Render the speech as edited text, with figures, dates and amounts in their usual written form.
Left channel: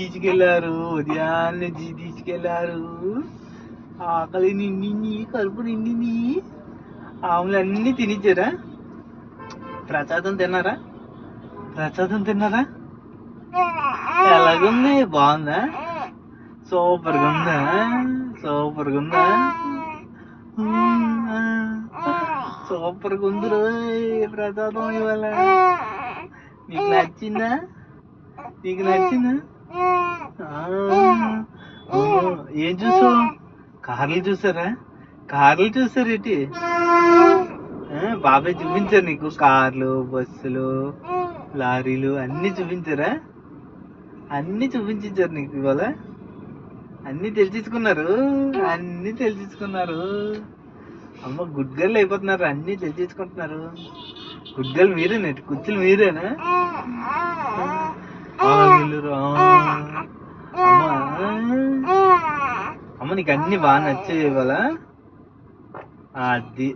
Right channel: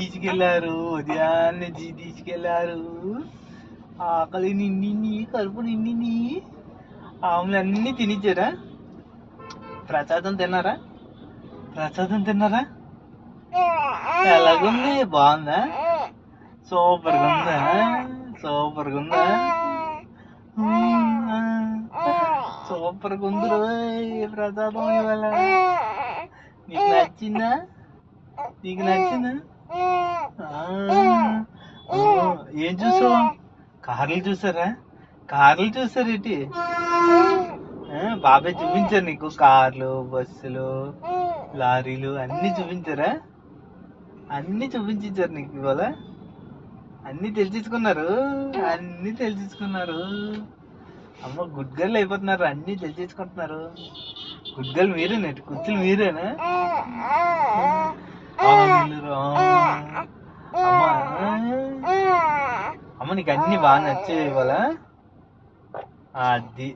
తీసుకెళ్లారు, ఉదయాన్నే తీసుకెళ్లారు. ఆకలి నిండింది, కడుపు నిండింది. ఆవులు అన్ని తినిచ్చారా? ప్రసాదం తిన్నారా? ప్రసాదం తిన్నారా? ఎలాగుంది? బాగుందా? సూపర్గా ఉందా? సూపర్గా ఉందా? సూపర్గా ఉంది రోయ్ ప్రసాదం ఇవాళ. నీకు నచ్చిందా? నీకు నచ్చిందా? ఏం చూసావు? కార్లు చూసారా? కార్లు చూసారు ఏంటి? బాబాయ్ చూపించారు నీకు కార్లు, బస్సులు, లారీలు అన్ని చూపించారా? అన్ని చూపించారు నీకు ఇవాళ. అన్ని తెలిసించుకున్నారు, అన్ని తెలిసించుకున్నారు. అమ్మ గుడ్ గర్ల్ అయిపోతున్నారు, అన్ని తెలిసించుకుంటున్నారు. గుడ్ గర్ల్ మీరేనండి, కుర్చీలు మీరేనా? అమ్మ నీకు అన్ని బాగా నచ్చాయి ఇవాళ. అది